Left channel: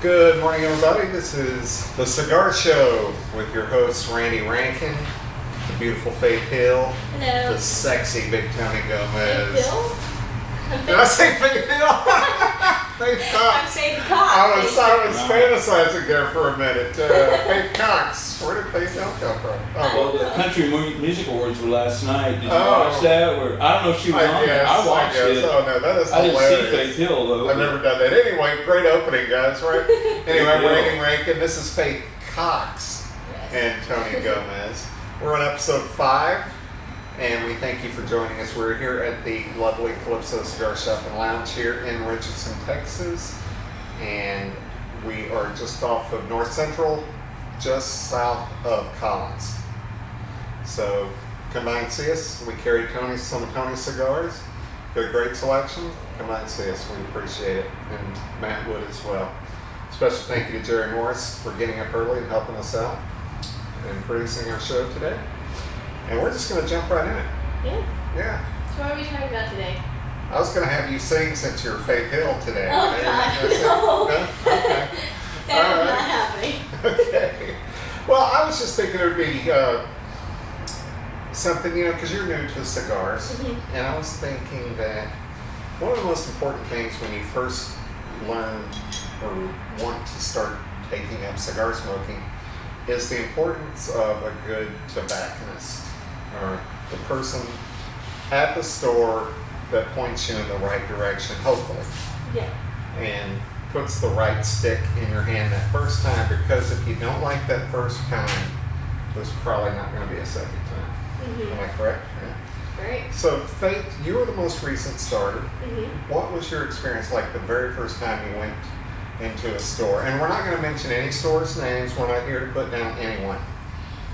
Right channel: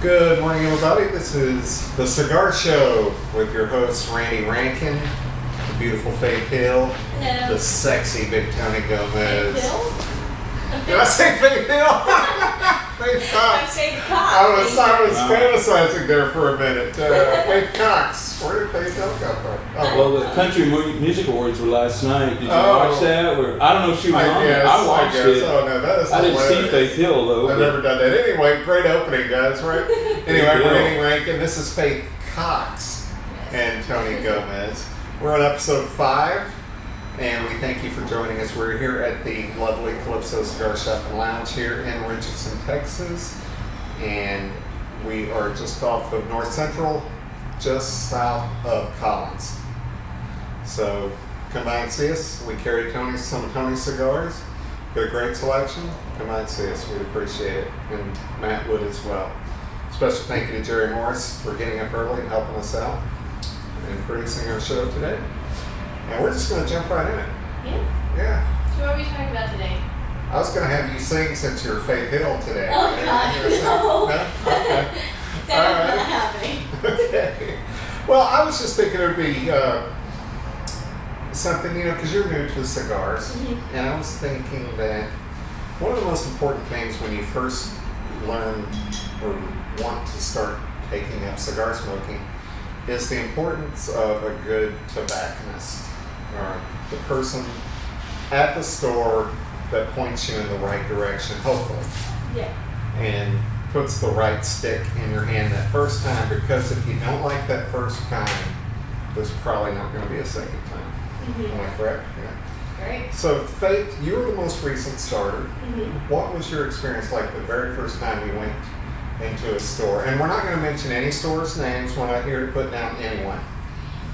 Good morning, everybody. This is the Cigar Show with your hosts, Randy Rankin, the beautiful Faith Hill, Hello. the sexy Big Tony Gomez. Faith Hill? Did I say Faith Hill? Faith I'm Cox. saying Cox. I was fantasizing there for a minute. Faith Cox. Where did Faith Hill come from? Well, the Country Music Awards were last night. Did you watch that? I don't know if she was on there. I watched it. Oh, no, that is I didn't hilarious. see Faith Hill, though. I've never done that. Anyway, great opening, guys, right? Anyway, I'm Randy Rankin. This is Faith Cox and Tony Gomez. We're on episode 5, and we thank you for joining us. We're here at the lovely Calypso Cigar Shop and Lounge here in Richardson, Texas, and we are just off of North Central, just south of Collins. So come by and see us. We carry some of Tony's cigars. Got a great selection. Come by and see us. We'd appreciate it. And Matt would as well. Special thank you to Jerry Morris for getting up early and helping us out and producing our show today. And we're just going to jump right in it. Yeah. So what are we talking about today? I was going to have you sing since you're Faith Hill today. Oh, God, no. No? Okay. That is not happening. Okay. Well, I was just thinking it would be something, because you're new to cigars, Mm-hmm. and I was thinking that one of the most important things when you first learn or want to start taking up cigar smoking is the importance of a good tobacconist, or the person at the store that points you in the right direction, hopefully. Yeah. And puts the right stick in your hand that first time, because if you don't like that first time, there's probably not going to be a second time. Mm-hmm. Am I correct? Yeah. Right. So, Faith, you were the most recent starter. Mm-hmm. What was your experience like the very first time you went into a store? And we're not going to mention any stores' names. We're not here to put down anyone.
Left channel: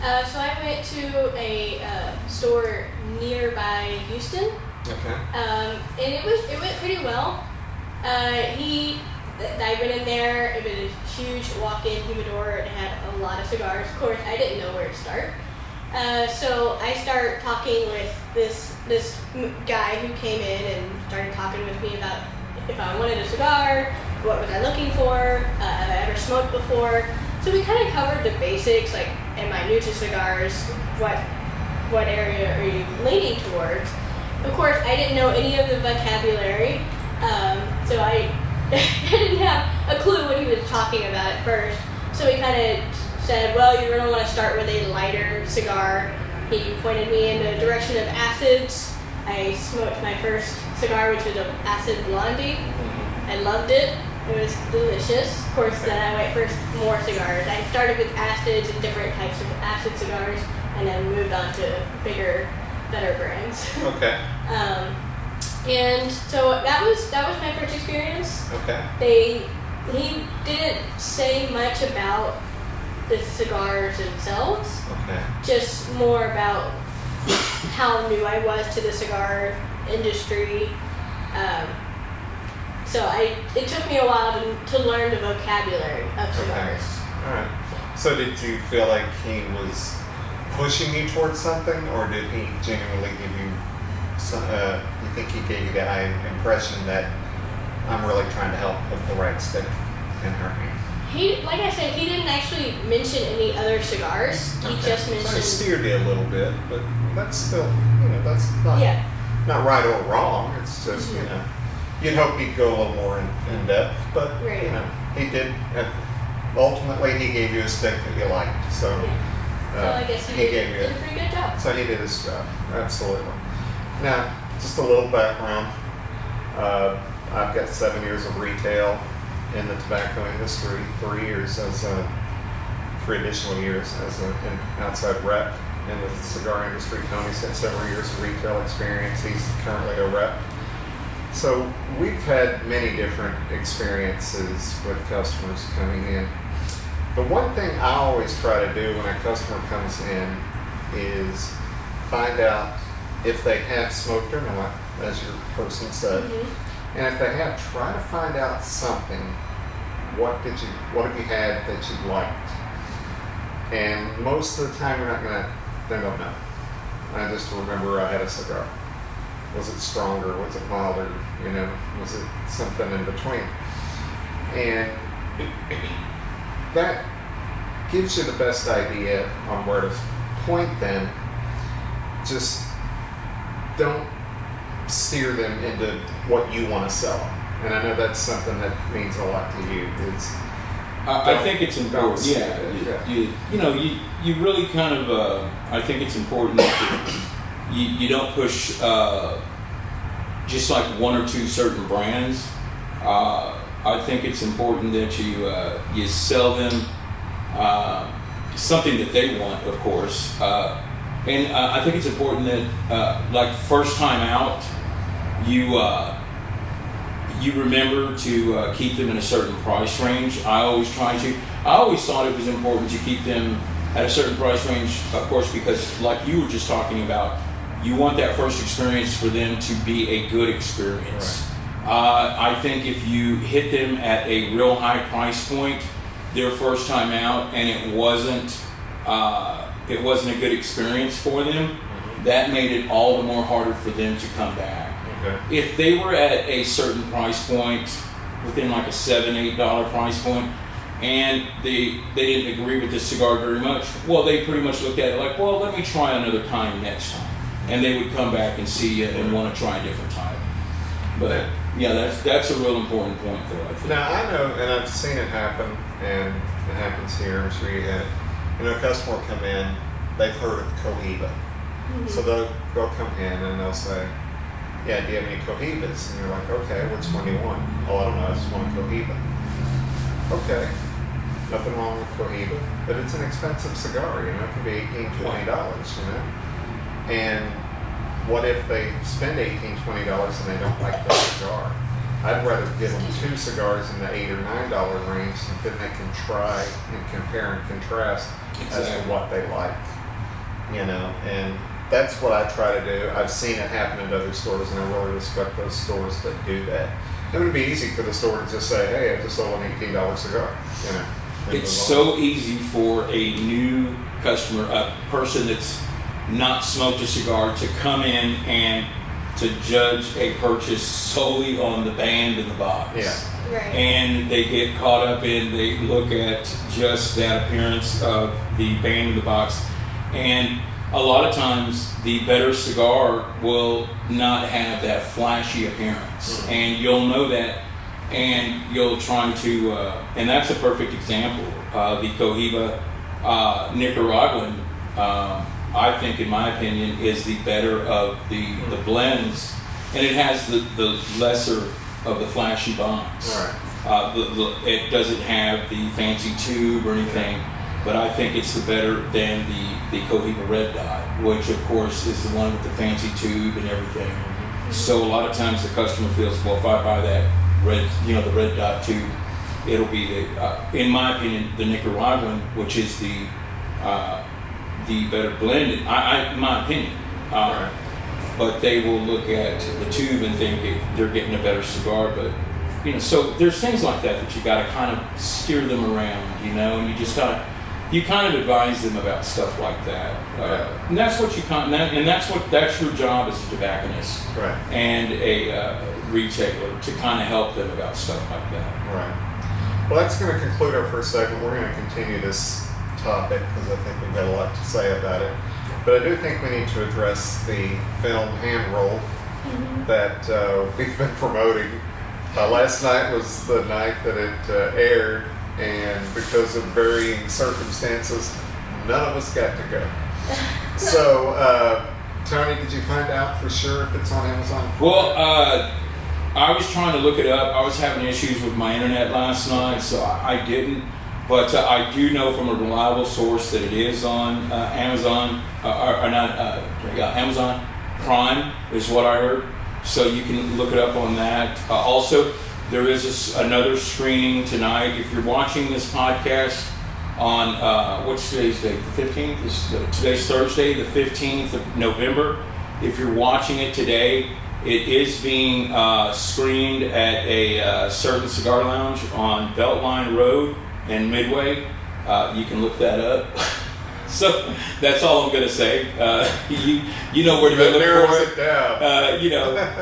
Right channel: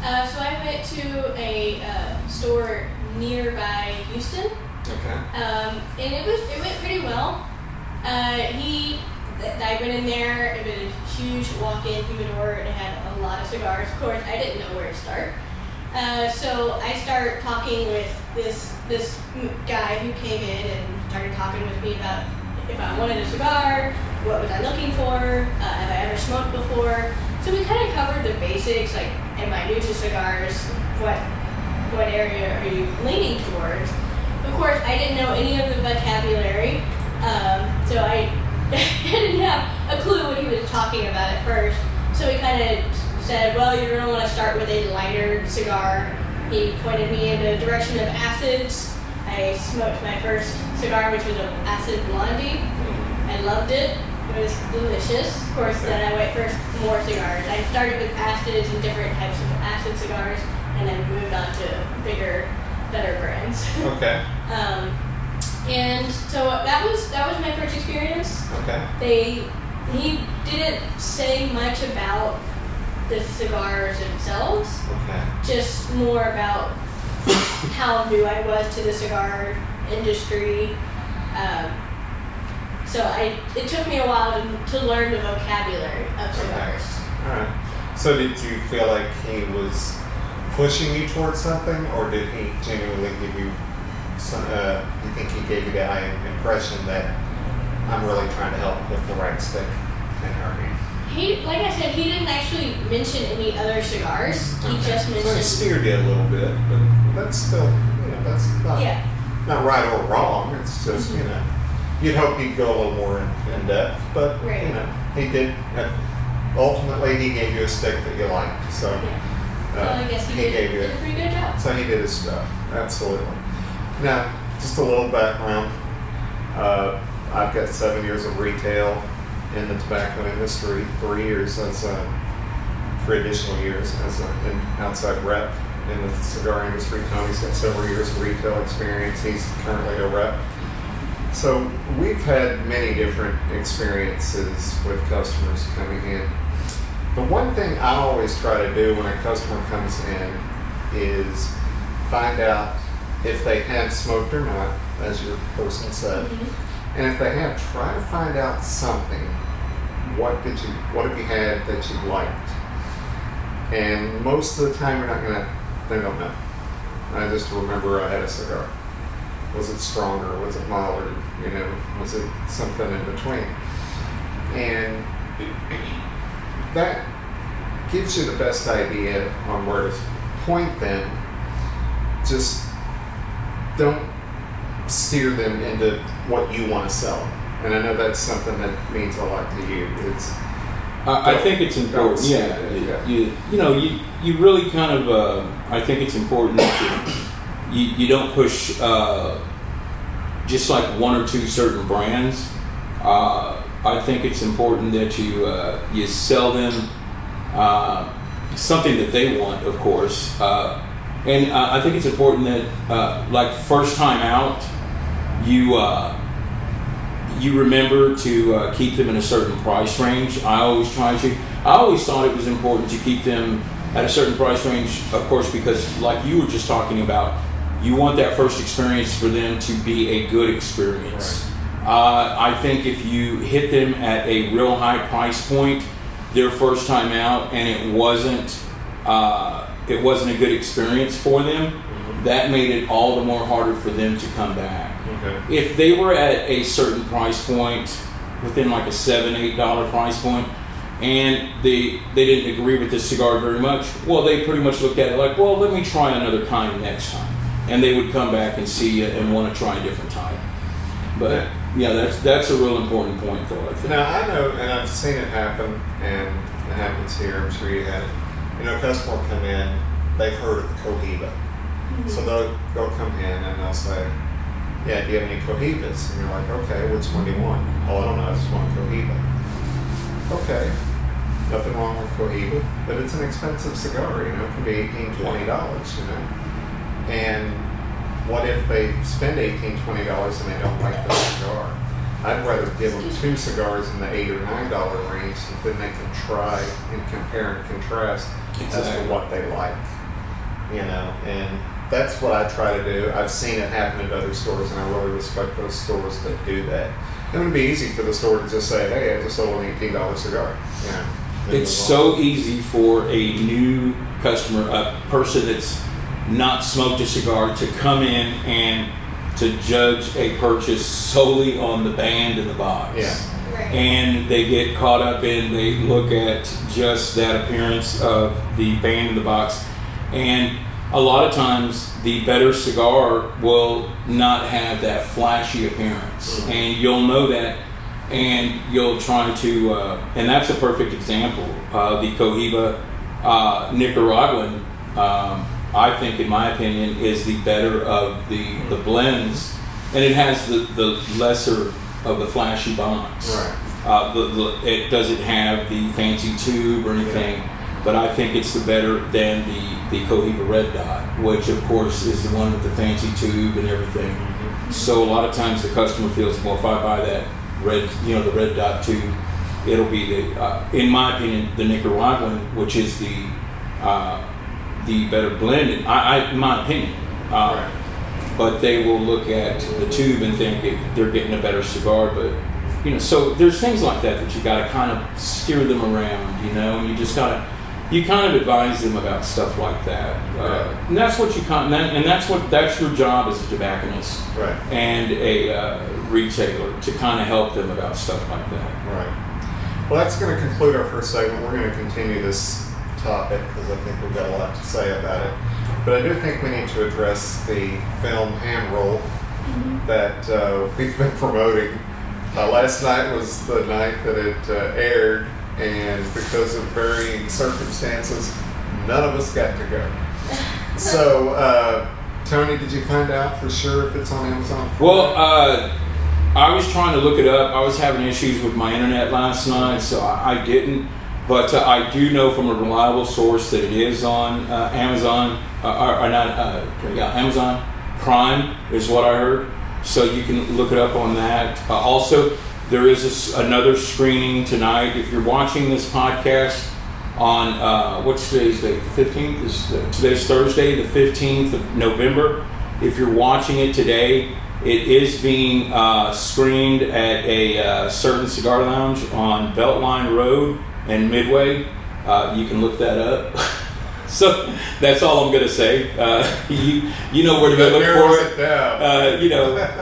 So I went to a store nearby Houston. Okay. And it went pretty well. I went in there. It was a huge walk-in humidor. It had a lot of cigars. Of course, I didn't know where to start. So I started talking with this guy who came in and started talking with me about if I wanted a cigar, what was I looking for, have I ever smoked before. So we kind of covered the basics, like, am I new to cigars? What area are you leaning towards? Of course, I didn't know any of the vocabulary, so I didn't have a clue what he was talking about at first. So he kind of said, well, you're going to want to start with a lighter cigar. He pointed me in the direction of acids. I smoked my first cigar, which was an acid blondie. I loved it. It was delicious. Of course, then I went for more cigars. I started with acids and different types of acid cigars, and then moved on to bigger, better brands. Okay. And so that was my first experience. Okay. He didn't say much about the cigars themselves. Okay. Just more about how new I was to the cigar industry. So it took me a while to learn the vocabulary of cigars. Okay. All right. So did you feel like he was pushing you towards something, or did he genuinely give you some, you think he gave you the impression that I'm really trying to help put the right stick in her hand? Like I said, he didn't actually mention any other cigars. Okay. He just mentioned... So he steered you a little bit, but that's still, that's not, Yeah. not right or wrong. It's just, you'd hope he'd go a little more in depth, but, Right. he did. Ultimately, he gave you a stick that you liked, so... Yeah. So I guess he did a pretty good job. So he did his job, absolutely. Now, just a little background. I've got 7 years of retail in the tobacco industry, 3 years as 3 additional years as an outside rep in the cigar industry. Tony's got several years of retail experience. He's currently a rep. So we've had many different experiences with customers coming in. The one thing I always try to do when a customer comes in is find out if they have smoked or not, as your person said. Mm-hmm. And if they have, try to find out something. What have you had that you liked? And most of the time they don't know. I just remember I had a cigar. Was it stronger? Was it milder? Was it something in between? And that gives you the best idea on where to point them. Just don't steer them into what you want to sell. And I know that's something that means a lot to you. I think it's important. You really kind of. I think it's important that you don't push just like one or two certain brands. I think it's important that you sell them something that they want, of course. And I think it's important that, like first time out, you remember to keep them in a certain price range. I always thought it was important to keep them at a certain price range, of course, because like you were just talking about, you want that first experience for them to be a good experience. Right. I think if you hit them at a real high price point, their first time out, and it wasn't a good experience for them, mm-hmm. that made it all the more harder for them to come back. Okay. If they were at a certain price point, within like a $7, $8 price point, and they didn't agree with the cigar very much, well, they pretty much looked at it like, well, let me try another kind next time. And they would come back and see you and want to try a different type. But yeah, that's a real important point, though, I think. Now, I know, and I've seen it happen, and it happens here, I'm sure you had it. A customer will come in, they've heard of Cohiba. Mm-hmm. So they'll come in and they'll say, yeah, do you have any Cohibas? And you're like, okay, which one do you want? Oh, I don't know, I just want a Cohiba. Okay, nothing wrong with Cohiba, but it's an expensive cigar, it can be $18, $20, And what if they spend $18, $20 and they don't like the cigar? I'd rather give them two cigars in the $8 or $9 range, and then they can try and compare and contrast as to what they like, and that's what I try to do. I've seen it happen at other stores, and I really respect those stores that do that. It would be easy for the store to just say, hey, I just sold an $18 cigar, It's so easy for a new customer, a person that's not smoked a cigar, to come in and to judge a purchase solely on the band in the box. Yeah. Right. And they get caught up in, they look at just that appearance of the band in the box. And a lot of times the better cigar will not have that flashy appearance. Mm-hmm. And you'll know that, and you'll try to, and that's a perfect example. The Cohiba Nicaraguan, I think, in my opinion, is the better of the blends, and it has the lesser of the flashy bombs. Right. It doesn't have the fancy tube or anything, but I think it's the better than the Cohiba Red Dot, which of course is the one with the fancy tube and everything. Mm-hmm. So a lot of times the customer feels, well, if I buy that red, the Red Dot tube, it'll be in my opinion, the Nicaraguan, which is the better blend, in my opinion. Right. But they will look at the tube and think they're getting a better cigar. But so there's things like that you got to kind of steer them around, and you just kind of advise them about stuff like that. Right. And that's what that's your job as a tobacconist, right, and a retailer, to kind of help them about stuff like that. Right. Well, that's going to conclude our first segment. We're going to continue this topic because I think we've got a lot to say about it. But I do think we need to address the film Hand Roll that we've been promoting. Last night was the night that it aired, and because of varying circumstances, none of us got to go. So, Tony, did you find out for sure if it's on Amazon? Well, I was trying to look it up. I was having issues with my internet last night, so I didn't. But I do know from a reliable source that it is on Amazon, Amazon Prime is what I heard. So you can look it up on that. Also, there is another screening tonight. If you're watching this podcast on, what's today's date? The 15th? Today's Thursday, the 15th of November. If you're watching it today, it is being screened at a certain cigar lounge on Beltline Road and Midway. You can look that up. So that's all I'm going to say. You know where to go look for it.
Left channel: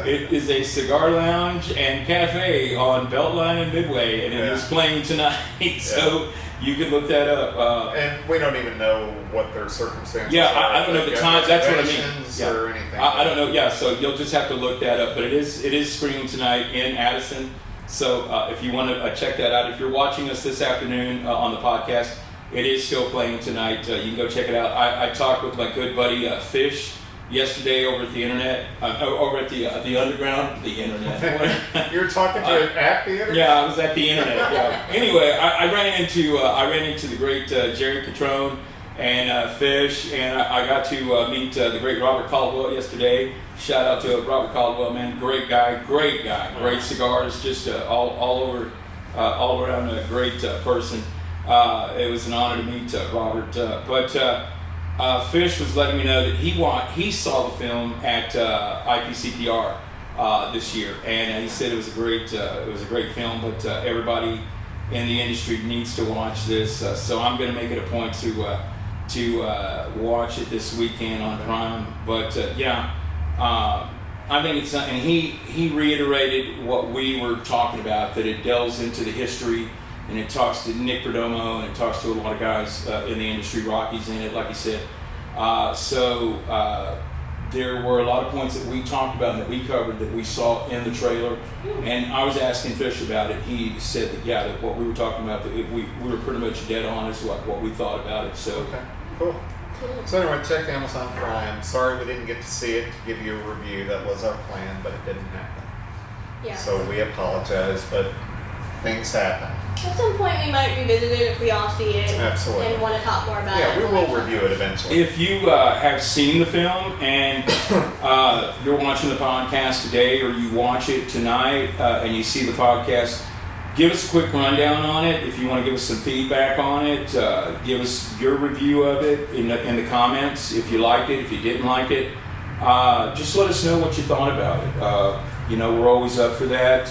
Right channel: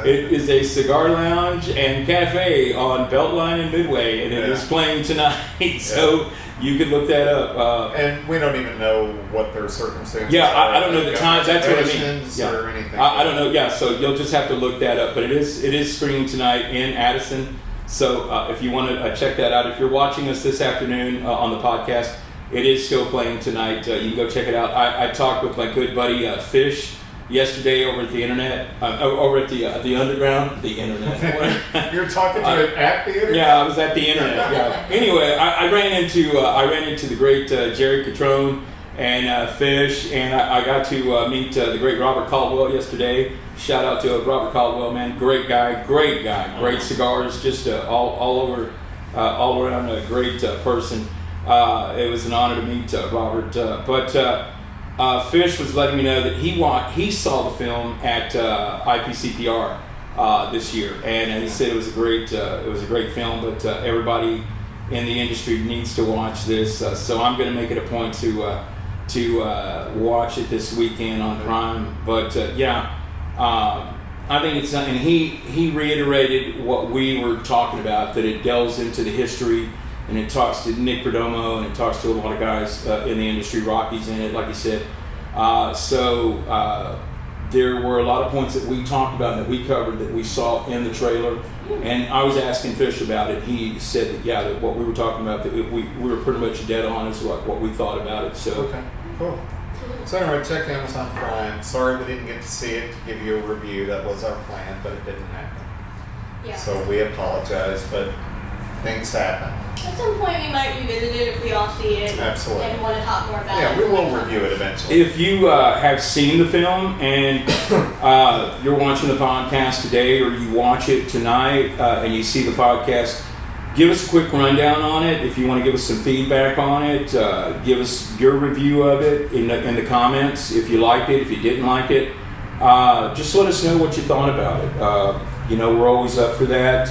It is a cigar lounge and cafe on Beltline and Midway, and it is playing tonight. So you can look that up. And we don't even know what their circumstances are. I don't know the time. That's what I mean. Or anything. I don't know. Yeah, so you'll just have to look that up. But it is screening tonight in Addison. So if you want to check that out, if you're watching us this afternoon on the podcast, it is still playing tonight. You can go check it out. I talked with my good buddy Fish yesterday over at the internet, over at the underground, the internet. You're talking to it at the internet? Yeah, I was at the internet. Yeah. Anyway, I ran into the great Jerry Catrone and Fish, and I got to meet the great Robert Caldwell yesterday. Shout out to Robert Caldwell, man, great guy, great cigars, just all around a great person. It was an honor to meet Robert, but Fish was letting me know that he saw the film at IPCPR this year, and he said it was a great film, but everybody in the industry needs to watch this. So I'm going to make it a point to watch it this weekend on Prime. But I think it's, and he reiterated what we were talking about, that it delves into the history. And it talks to Nick Perdomo, and it talks to a lot of guys in the industry. Rocky's in it, like you said. So there were a lot of points that we talked about, that we covered, that we saw in the trailer. And I was asking Fish about it. He said that what we were talking about, that we were pretty much dead on as like what we thought about it. So okay, cool. So anyway, check Amazon Prime. Sorry we didn't get to see it to give you a review. That was our plan, but it didn't happen. Yeah. So we apologize, but things happen. At some point we might revisit it if we all see it. Absolutely. And want to talk more about it. Yeah, we will review it eventually. If you have seen the film and you're watching the podcast today, or you watch it tonight and you see the podcast, give us a quick rundown on it. If you want to give us some feedback on it, give us your review of it in the comments. If you liked it, if you didn't like it, just let us know what you thought about it. We're always up for that.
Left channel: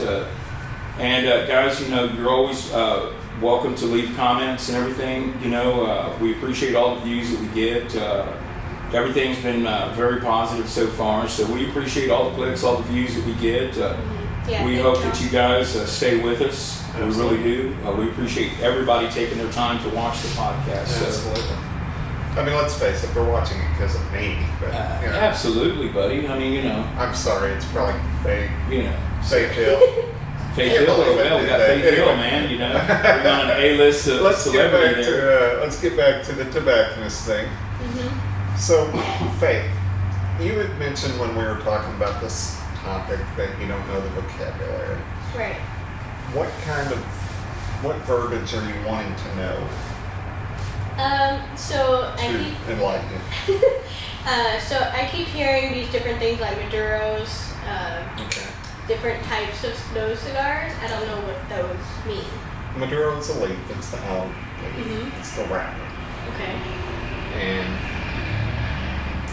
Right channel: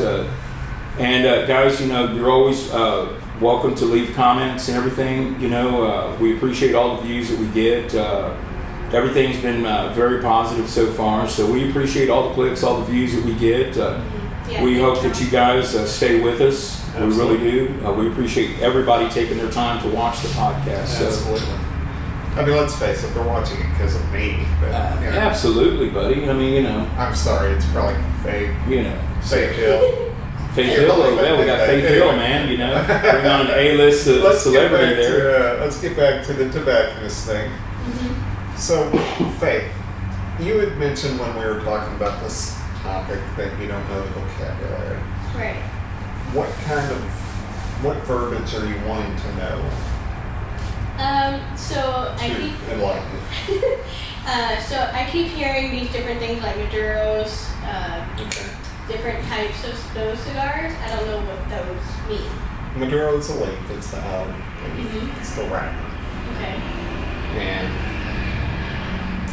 And guys, you're always welcome to leave comments and everything. We appreciate all the views that we get. Everything's been very positive so far, so we appreciate all the clicks, all the views that we get. We hope that you guys stay with us. Absolutely. We really do. We appreciate everybody taking their time to watch the podcast. Absolutely. I mean, let's face it, they're watching it because of me. But, Absolutely, buddy. I mean, I'm sorry, it's probably fake. Fake Hill. Faith Hill, well, we got Faith Hill, man. Bring on an A-list celebrity there. Let's get back to the tobacconist thing. Mm-hmm. So, Faith, you had mentioned when we were talking about this topic that you don't know the vocabulary. Right. What verbiage are you wanting to know? Enlighten it. So I keep hearing these different things like Maduros, different types of those cigars. I don't know what those mean. Maduro is a leaf. It's the alum leaf. Mm-hmm. It's the wrapper. Okay. And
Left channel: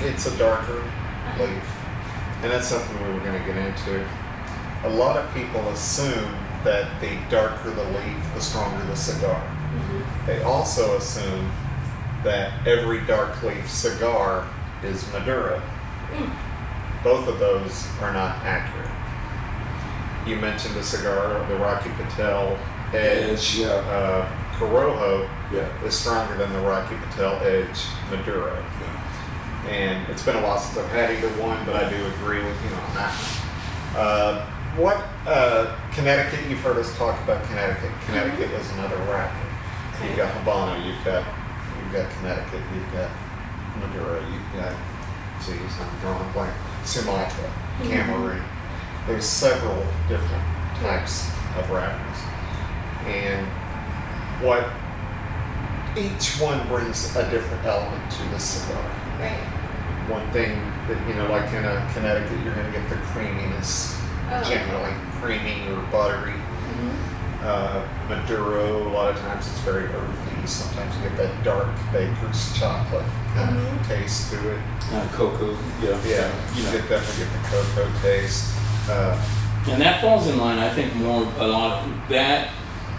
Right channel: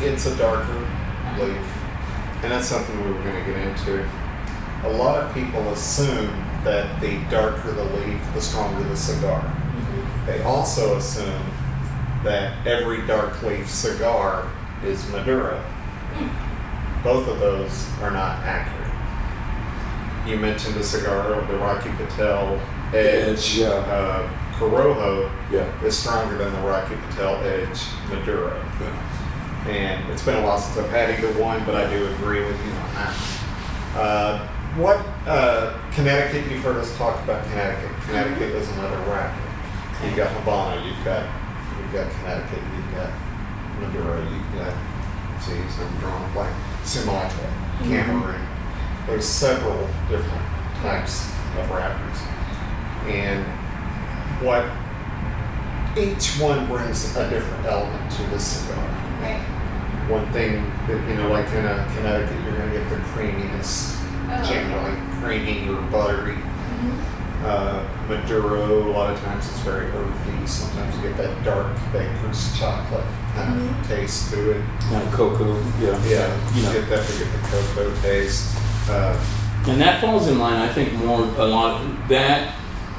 it's a darker leaf. And that's something we were going to get into. A lot of people assume that the darker the leaf, the stronger the cigar. Mm-hmm. They also assume that every dark leaf cigar is Maduro. Mm. Both of those are not accurate. You mentioned the cigar, the Rocky Patel Edge. Corojo is stronger than the Rocky Patel Edge Maduro. Yeah. And it's been a while since I've had either one, but I do agree with you on that. Connecticut, you've heard us talk about Connecticut. Connecticut is another wrapper. You've got Habano, you've got Connecticut, you've got Maduro, you've got, I'm drawing a blank, Sumatra, Cameroon. There's several different types of wrappers. And what each one brings a different element to the cigar. Right. One thing that, like in a Connecticut, you're going to get the creaminess, generally creamy or buttery. Mm-hmm. Maduro, a lot of times it's very earthy. Sometimes you get that dark baker's chocolate kind of taste to it. Cocoa, you definitely get the cocoa taste. And that falls in line, I think, a lot that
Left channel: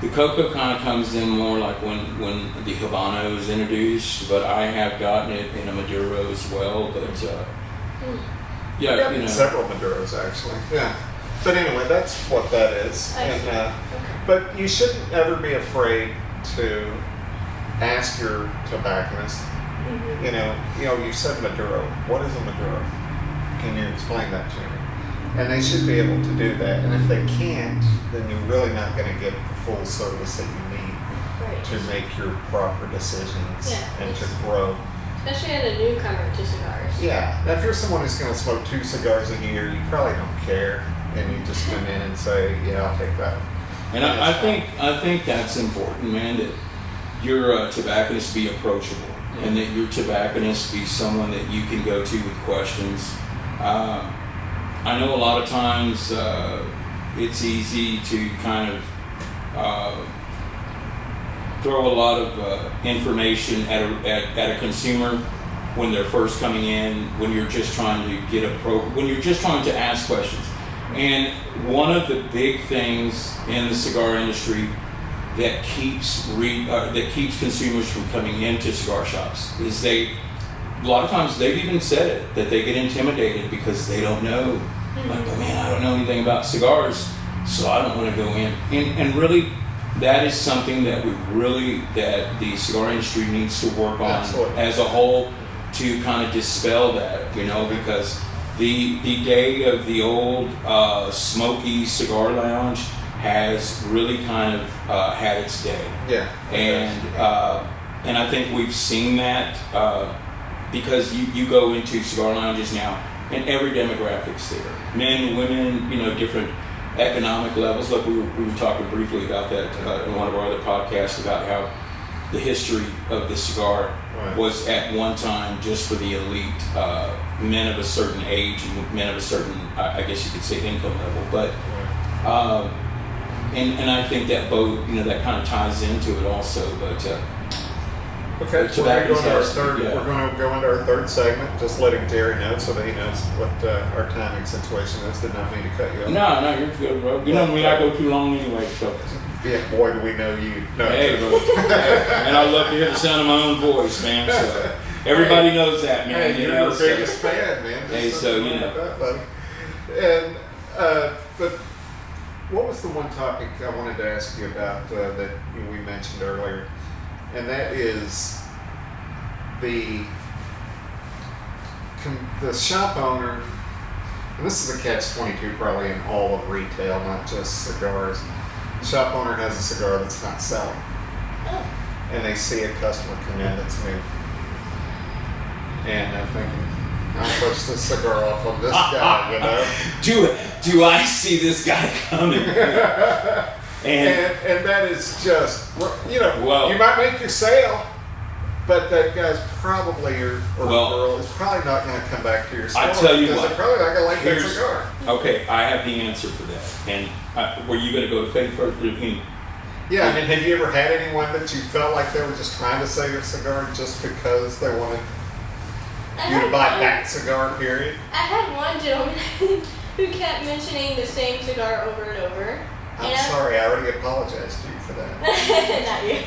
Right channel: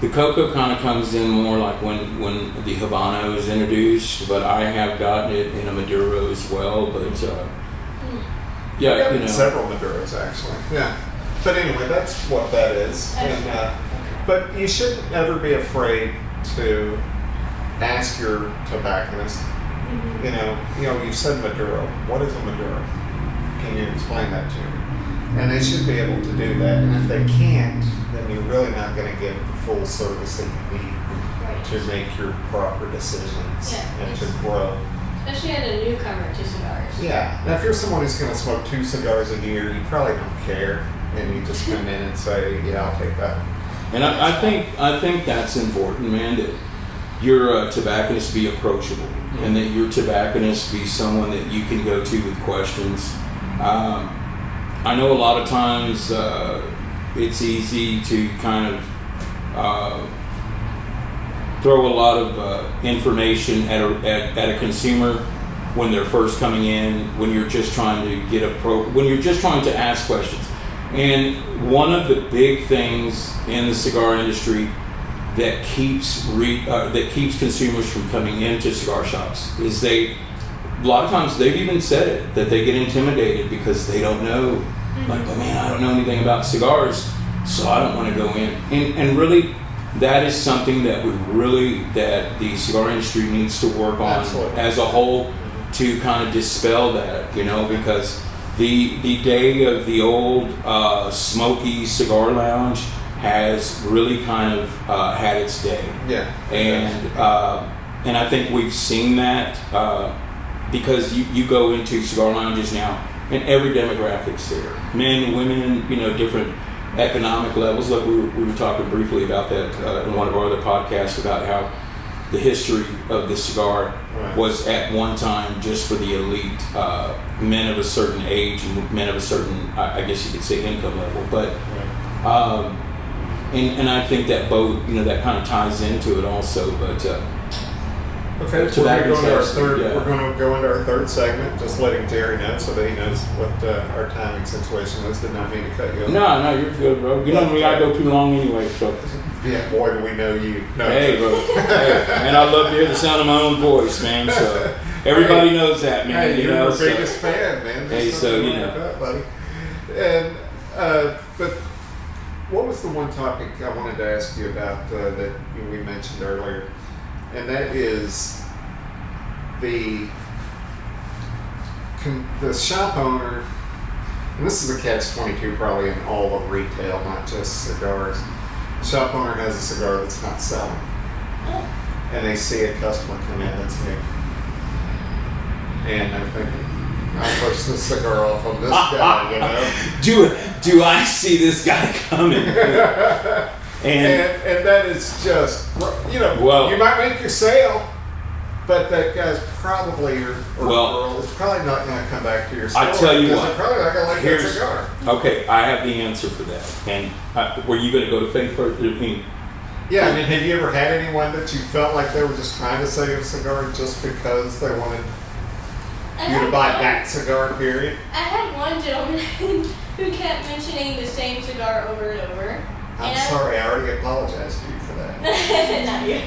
The cocoa kind of comes in more like when the Habano is introduced, but I have gotten it in a Maduro as well. But yeah, several Maduros actually. Yeah, but anyway, that's what that is. And but you shouldn't ever be afraid to ask your tobacconist. You said Maduro. What is a Maduro? Can you explain that to me? And they should be able to do that. And if they can't, then you're really not going to get the full service that you need to make your proper decisions and to grow. Especially as a newcomer to cigars. Yeah. Now, if you're someone who's going to smoke 2 cigars a year, you probably don't care, and you just come in and say, "Yeah, I'll take that." And I think that's important, man. That your tobacconist be approachable, and that your tobacconist be someone that you can go to with questions. I know a lot of times it's easy to kind of throw a lot of information at a consumer when they're first coming in, when you're just trying to when you're just trying to ask questions. And one of the big things in the cigar industry that keeps consumers from coming into cigar shops is a lot of times they've even said it, that they get intimidated because they don't know, like, oh man, I don't know anything about cigars, so I don't want to go in. And really, that is something that that the cigar industry needs to work on as a whole to kind of dispel that, because the day of the old smoky cigar lounge has really kind of had its day. Yeah. And I think we've seen that because you go into cigar lounges now and every demographic's there. Men, women, different economic levels. Look, we were talking briefly about that in one of our other podcasts about how the history of the cigar was at one time just for the elite, men of a certain age and men of a certain, I guess you could say, income level. But and I think that both, that kind of ties into it also. But okay, so we're going to go into our third. We're going to go into our third segment. Just letting Jerry know so that he knows what our timing situation is. Did not mean to cut you off. No, you're good, bro. You know me, I go too long anyway. So yeah, boy, do we know you. No, hey, bro. And I love to hear the sound of my own voice, man. So everybody knows that, man. Hey, you're our biggest fan, man. Hey, so that, buddy. And but what was the one topic I wanted to ask you about that we mentioned earlier? And that is the shop owner, and this is a catch-22 probably in all of retail, not just cigars. The shop owner has a cigar that's not selling, and they see a customer come in that's new, and they're thinking, I'll push this cigar off on this guy, Do I see this guy coming? And that is just, you might make your sale, but that guy's probably, or girl, is probably not going to come back to your store. I tell you because what. they're probably not going to like that cigar. Okay, I have the answer for that. And were you going to go to Faith first? Yeah, I mean, have you ever had anyone that you felt like they were just trying to sell you a cigar just because they wanted you to buy that cigar, period? I had one gentleman who kept mentioning the same cigar over and over. I'm sorry, I already apologized to you for that. Not you.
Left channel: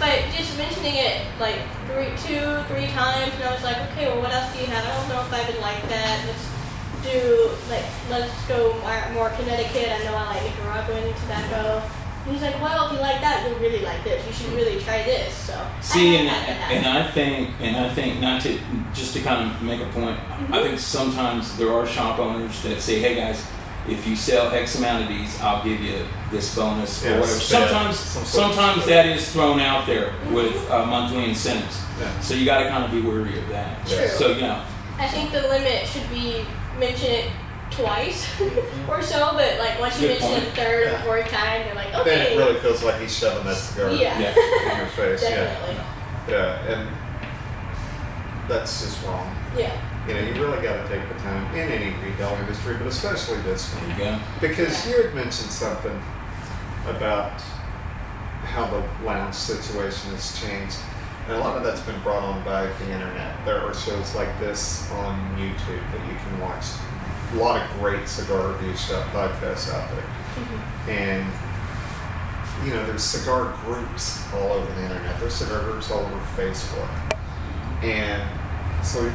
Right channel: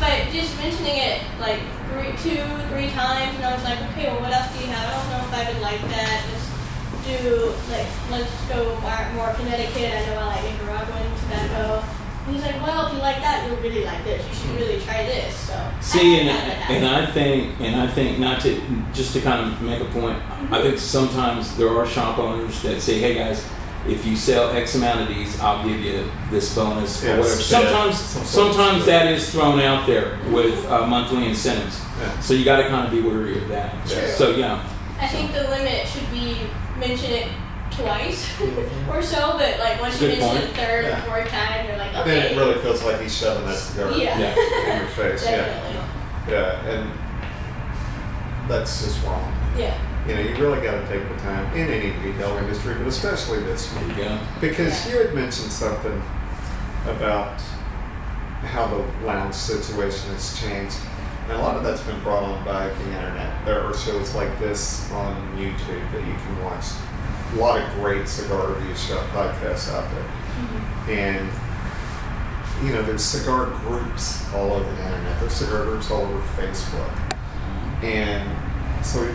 But just mentioning it like two, three times, and I was like, okay, well, what else do you have? I don't know if I would like that. Let's go more Connecticut. I know I like Nicaraguan tobacco. And he's like, well, if you like that, you'll really like this. You should really try this. So see, and I think not to just to kind of make a point. I think sometimes there are shop owners that say, hey guys, if you sell X amount of these, I'll give you this bonus or whatever. Sometimes that is thrown out there with monthly incentives. Yeah. So you got to kind of be wary of that. Yeah. So yeah. I think the limit should be mention it twice or so, but like once you mention it the third or fourth time, you're like, okay. Then it really feels like he's shoving that cigar in your face. Definitely. Yeah, and that's just wrong. Yeah. You really got to take the time in any retail industry, but especially this one. There you go. Because you had mentioned something about how the lounge situation has changed. And a lot of that's been brought on by the internet. There are shows like this on YouTube that you can watch. A lot of great cigar review shop podcasts out there. And there's cigar groups all over the internet. There's cigar groups all over Facebook. And so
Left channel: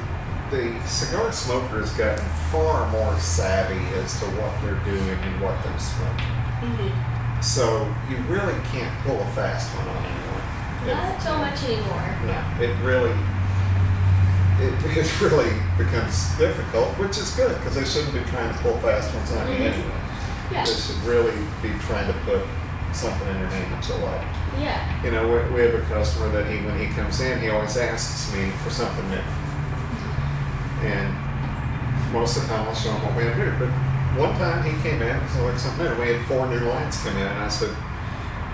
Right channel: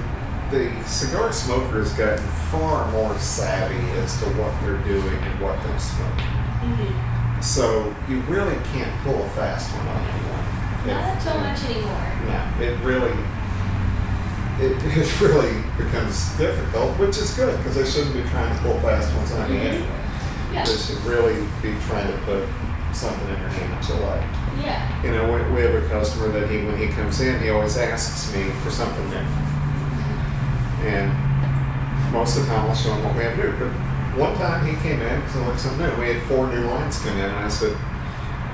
the cigar smoker has gotten far more savvy as to what they're doing and what they're smoking. Mm-hmm. So you really can't pull a fast one on anyone. Not so much anymore. No, it really becomes difficult, which is good because they shouldn't be trying to pull fast ones on you anyway. Yeah. They should really be trying to put something in your hand that you like. Yeah. We have a customer that when he comes in, he always asks me for something new. And most of the time I'll show him what we have new. But one time he came in because I like something new. We had 4 new lines come in, and I said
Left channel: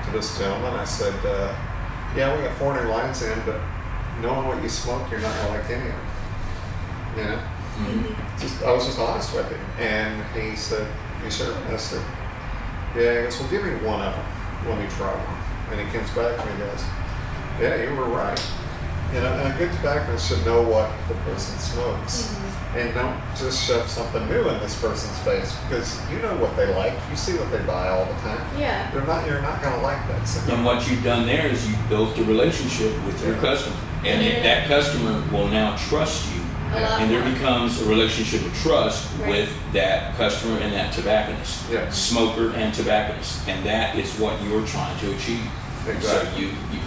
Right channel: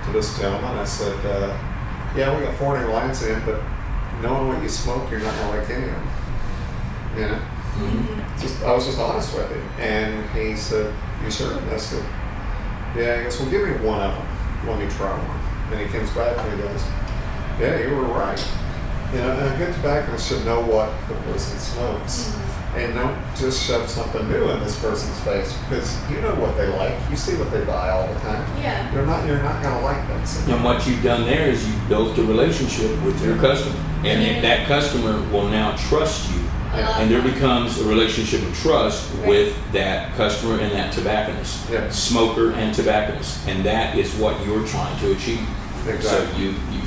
to this gentleman, I said, yeah, we got 4 new lines in, but knowing what you smoke, you're not going to like any of them. Mm-hmm. I was just honest with him. And he said, you sure? And I said, yeah. He goes, well, give me one of them. Let me try one. And he comes back and he goes, yeah, you were right. And a good tobacconist should know what the person smokes. Mm-hmm. And don't just shove something new in this person's face because you know what they like. You see what they buy all the time. Yeah. You're not going to like that. So. And what you've done there is you've built a relationship with your customer. And if that customer will now trust you, and there becomes a relationship of trust with that customer and that tobacconist, smoker and tobacconist. And that is what you're trying to achieve. Exactly. So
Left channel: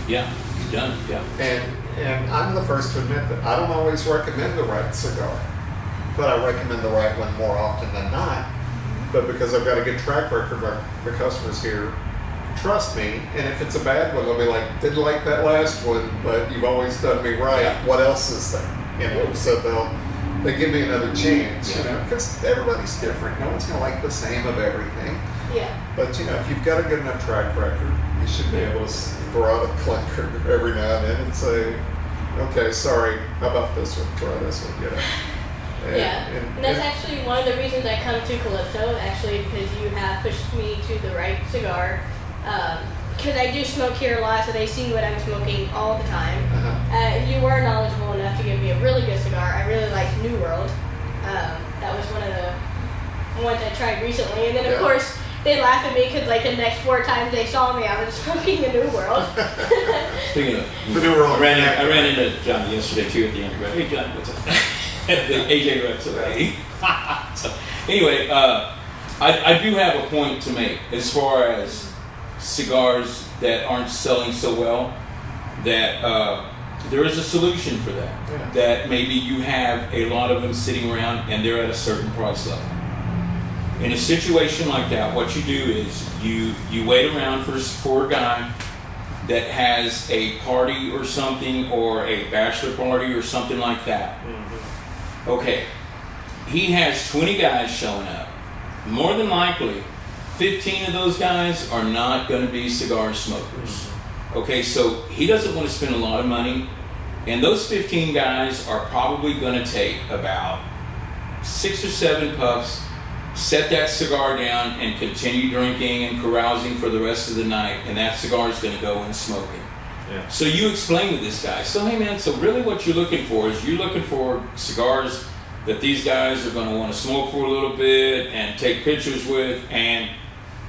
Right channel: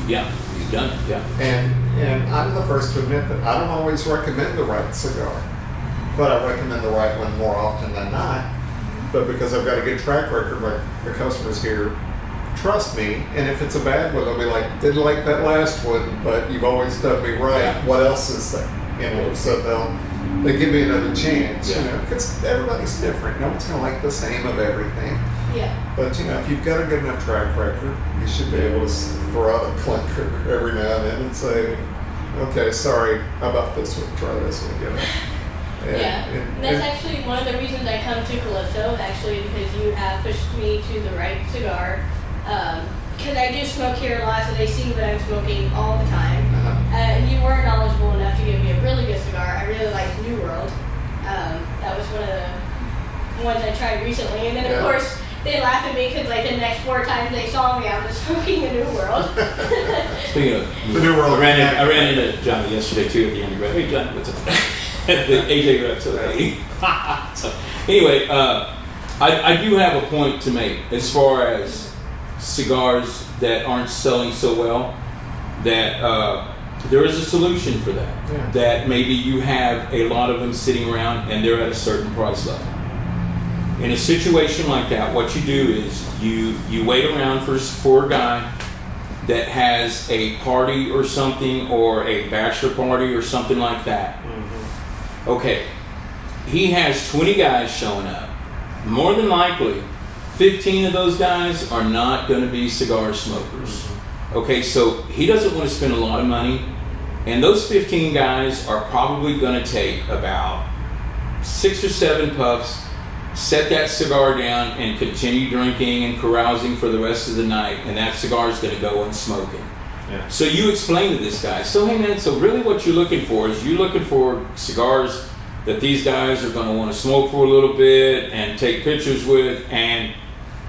you've done it, yeah. And I'm the first to admit that I don't always recommend the right cigar, but I recommend the right one more often than not. But because I've got a good track record, like the customers here trust me, and if it's a bad one, they'll be like, didn't like that last one, but you've always done me right. Yeah. What else is there? So they give me another chance, because everybody's different. No one's going to like the same of everything. Yeah. But if you've got a good enough track record, you should be able to throw out a clinker every now and then and say, okay, sorry, how about this one? Try this one, And that's actually one of the reasons I come to Calypso, actually, because you have pushed me to the right cigar. Because I do smoke here a lot, so they see what I'm smoking all the time. You were knowledgeable enough to give me a really good cigar. I really liked New World. That was one of the ones I tried recently. And then, of course, they laugh at me because, like, the next 4 times they saw me, I was smoking the New World. Speaking of the New World, I ran into Johnny yesterday, too, at the undergrad. Hey, Johnny, what's up? The AJ rep today. So, anyway, I do have a point to make as far as cigars that aren't selling so well, that there is a solution for that. That maybe you have a lot of them sitting around and they're at a certain price level. In a situation like that, what you do is you wait around for a guy that has a party or something, or a bachelor party or something like that. Mm-hmm. Okay, he has 20 guys showing up. More than likely, 15 of those guys are not going to be cigar smokers. Mm-hmm. Okay, so he doesn't want to spend a lot of money, and those 15 guys are probably going to take about 6 or 7 puffs, set that cigar down, and continue drinking and carousing for the rest of the night, and that cigar is going to go unsmoking. Yeah. So you explain to this guy, so hey man, so really what you're looking for is you're looking for cigars that these guys are going to want to smoke for a little bit and take pictures with and,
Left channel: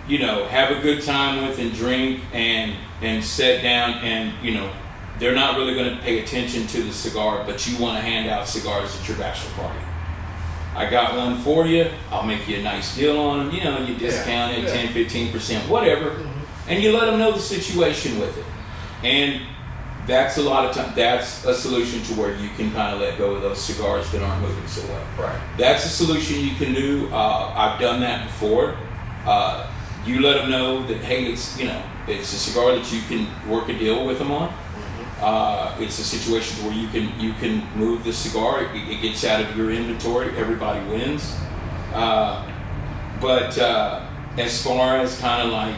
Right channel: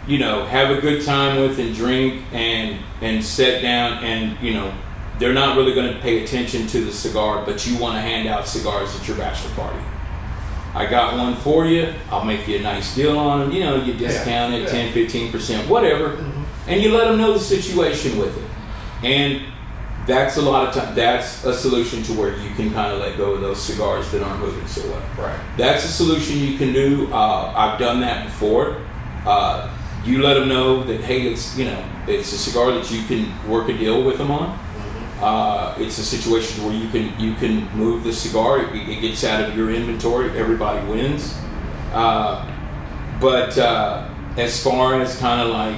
you know, have a good time with and drink and sit down, and, you know, they're not really going to pay attention to the cigar, but you want to hand out cigars at your bachelor party. I got one for you. I'll make you a nice deal on them. You know, you discount it 10, 15%, whatever. Mm-hmm. And you let them know the situation with it. And that's a lot of time. That's a solution to where you can kind of let go of those cigars that aren't moving so well. Right. That's a solution you can do. I've done that before. You let them know that, hey, it's a cigar that you can work a deal with them on. It's a situation where you can move the cigar. It gets out of your inventory. Everybody wins. But as far as kind of like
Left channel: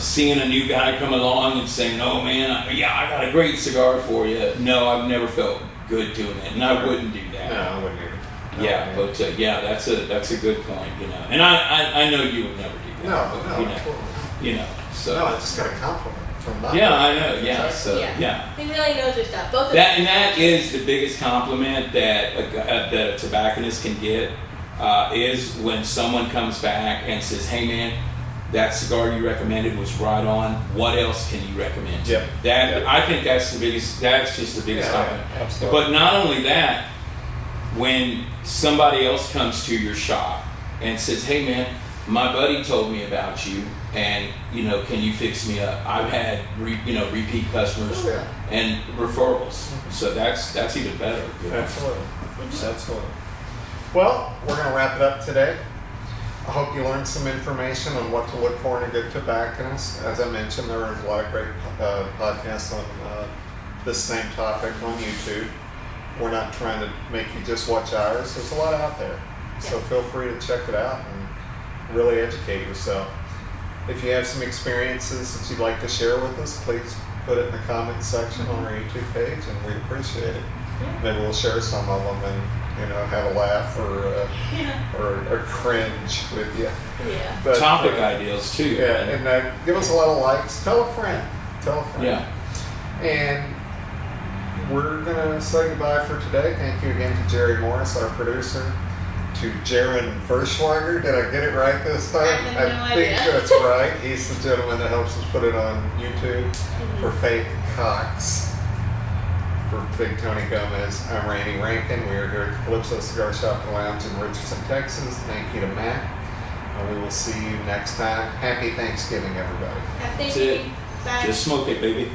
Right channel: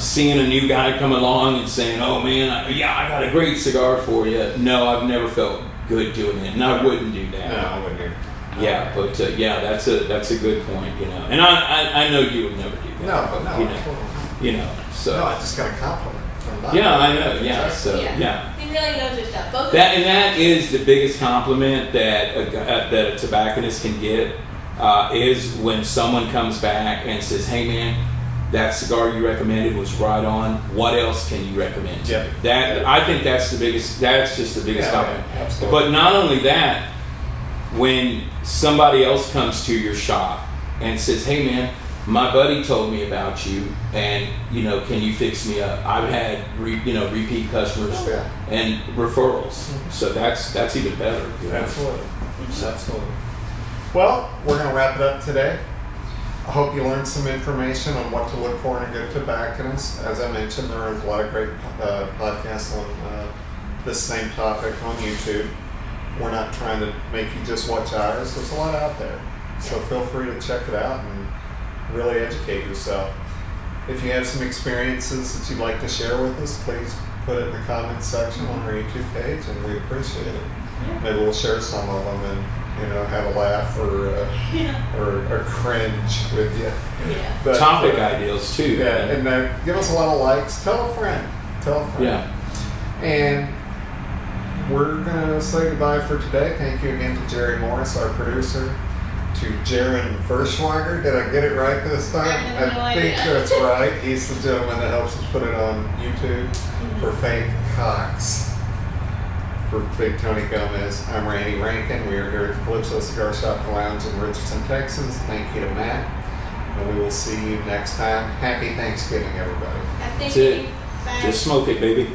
seeing a new guy come along and saying, "Oh man, I got a great cigar for you," no, I've never felt good doing it, and I wouldn't do that. No, I wouldn't either. Yeah, but that's a good point, And I know you would never do that. No. So. No, I just got a compliment. Yeah, I know. Yeah, so yeah. He really knows his stuff. Both that is the biggest compliment that a tobacconist can get is when someone comes back and says, "Hey, man, that cigar you recommended was right on. What else can you recommend? Yep. I think that's the biggest. That's just the biggest compliment. Absolutely. But not only that, when somebody else comes to your shop and says, "Hey, man, my buddy told me about you, and can you fix me up?" I've had repeat customers and referrals, so that's even better. Absolutely. Absolutely. Well, we're going to wrap it up today. I hope you learned some information on what to look for in a good tobacconist. As I mentioned, there is a lot of great podcasts on this same topic on YouTube. We're not trying to make you just watch ours. There's a lot out there. So feel free to check it out and really educate yourself. If you have some experiences that you'd like to share with us, please put it in the comments section on our YouTube page, and we appreciate it. Maybe we'll share some of them and have a laugh or cringe with you. Yeah. But, topic ideals too. Yeah, and give us a lot of likes. Tell a friend. Yeah. And we're gonna say goodbye for today. Thank you again to Jerry Morris, our producer. To Jaron Verschwager. Did I get it right this time? I think that's right. He's the gentleman that helps us put it on YouTube. For Faith Cox. For Big Tony Gomez, I'm Randy Rankin. We are here at the Calypso Cigar Shop and Lounge in Richardson, Texas. Thank you to Matt. And we will see you next time. Happy Thanksgiving, everybody. Happy That's it. Bye. Just smoke it, baby.